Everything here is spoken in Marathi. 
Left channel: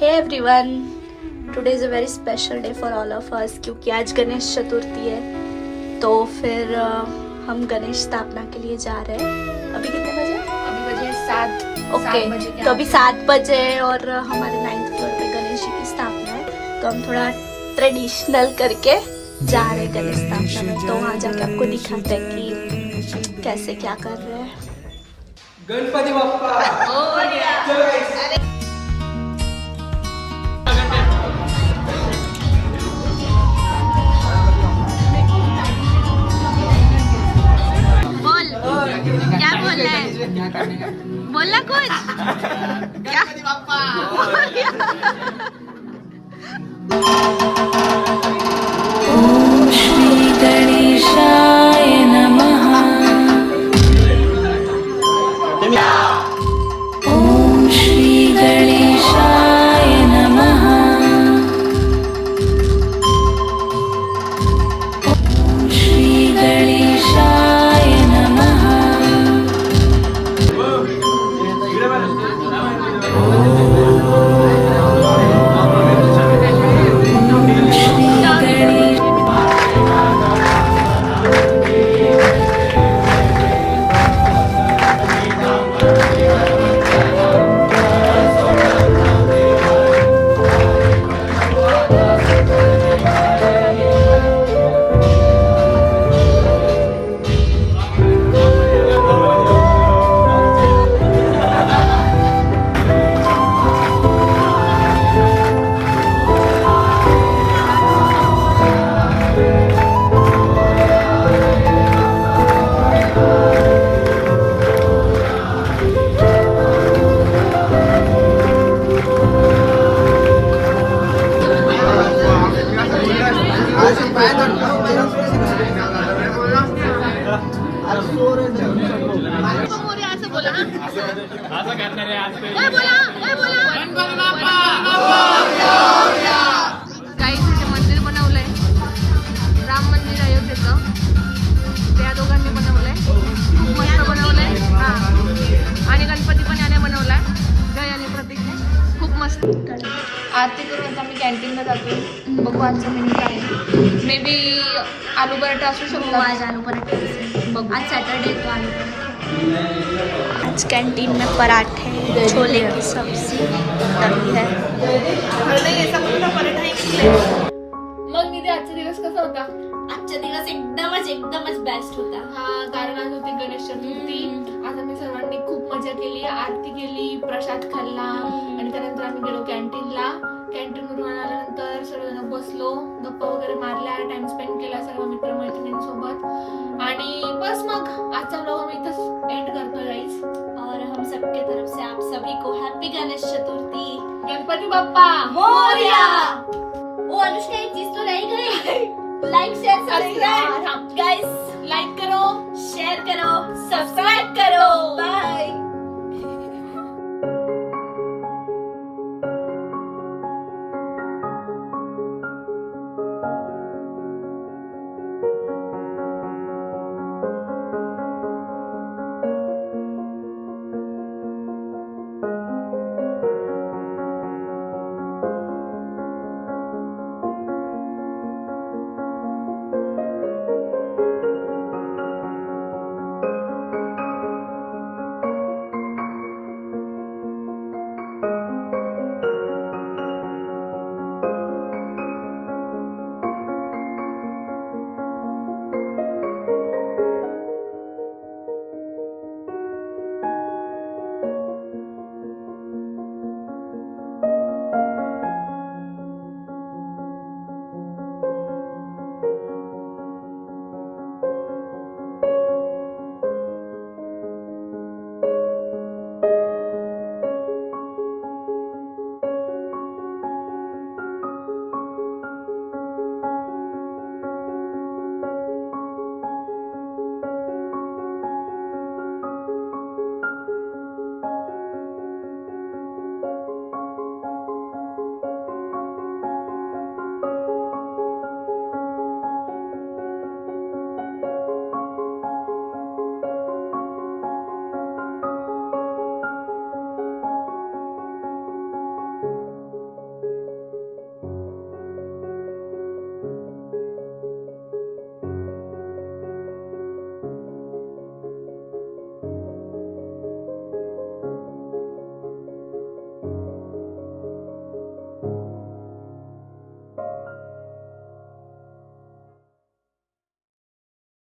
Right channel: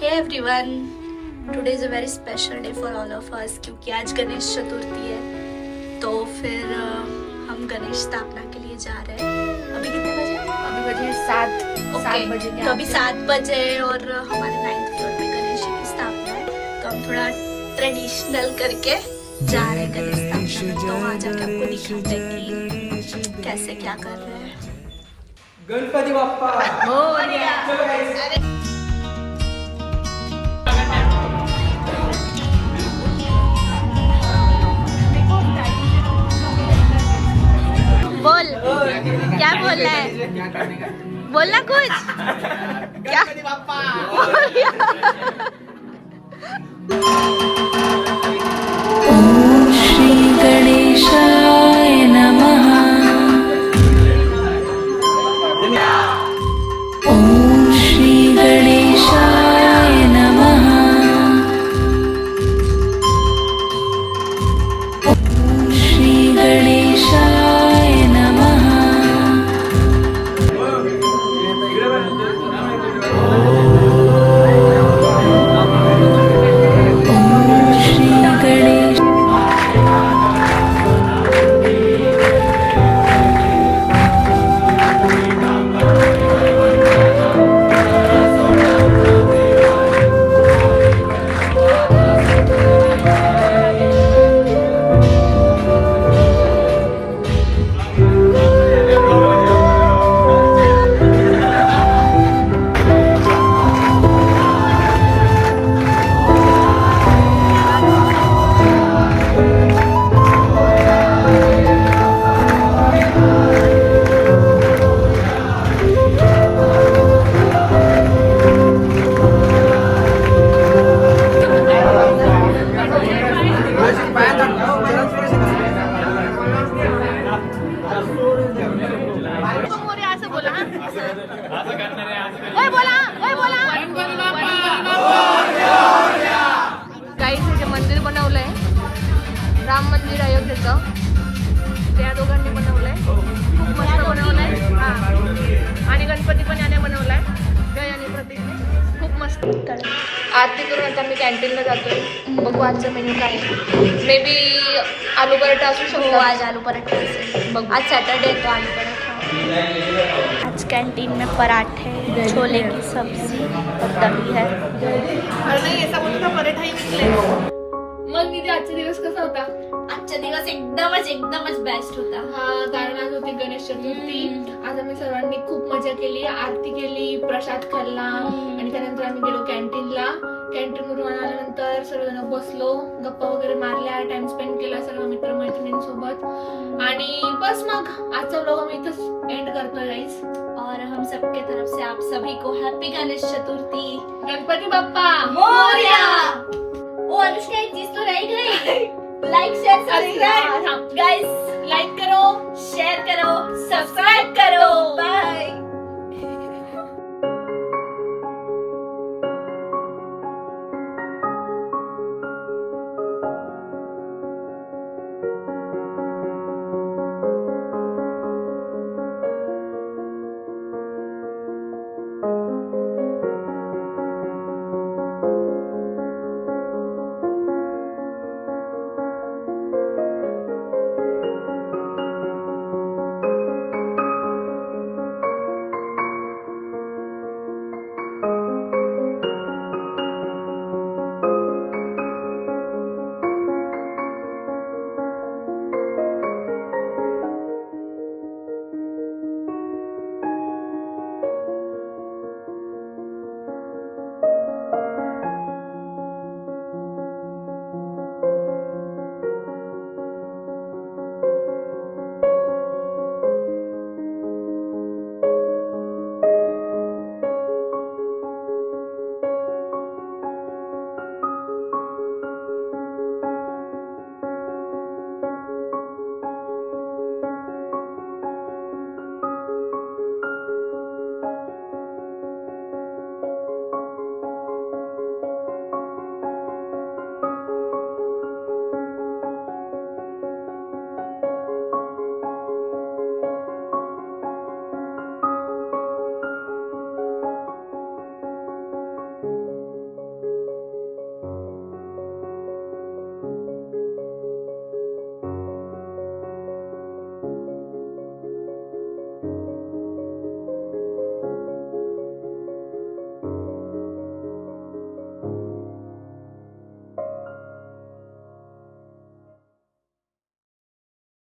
Hey everyone, today is a very special day for all of us क्योंकि आज गणेश चतुर्थी है। तो फिर हम गणेश स्थापना के लिए जा रहे हैं। अभी कितने बजे? अभी बजे 7। ओके, तो अभी 7 बजे और हमारे 9th फ्लोर पे गणेश जी की स्थापना है। तो हम थोड़ा ट्रेडिशनल करके जा रहे हैं गणेश स्थापना में। तो वहाँ जाके आपको दिखाते हैं कि कैसे क्या कर रहे हैं। गणपती बाप्पा बोल, क्या बोल रहा है? बोलना कुछ क्या? ओम श्री गणेशाय नमः। ओम श्री गणेशाय नमः। ओम श्री गणेशाय नमः। ओम श्री गणेश गाईस हे जे मंदिर बनवलंय, राम मंदिर अयोध्येचं, त्या दोघांनी बनवलंय. खूप मस्त बनवलंय. हा, आणि गणपती पण याने बनवलाय, जय आणि प्रतीकने. खूप मस्त. आरती करून आता मी कॅन्टीनला जातोय. बघू आजचं मेन्यू काय आहे. मे बी आलू पराठा असू शकतो. आज आलू पराठा बघू. आज सैटरडे तो आलू पराठा। आज कैंटीन में पराठे, छोले की सब्जी और दही है। नाही, असा मोठा पराठा ही निघलाय. मग तिथे आजचा दिवस कसा होता? आजचा दिवस एकदमच बेस्ट होता। हा, कारण आज होती गणेश चतुर्थी. आज आम्ही सर्वांनी खूप मजा केली, आरती केली, प्रसाद खाल्ला आणि त्यानंतर आम्ही गेलो कॅन्टीनला. कॅन्टीनवरून आल्यानंतर सर्वजण बसलो, गप्पा वगैरे मारल्या, टाइम स्पेंड केला सर्व मित्रमैत्रिणींसोबत. आणि बस मग आजचा व्लॉग आम्ही इथंच एंड करतोय गाईस. और हम सबके तरफ से आप सभी को हैप्पी गणेश चतुर्थी। गणपती बाप्पा मोरया। ओ अनुष्का, एक चीज तो रह गई। Like share subscribe guys. Like करो, शेयर करो, सब्सक्राइब करो। बाय।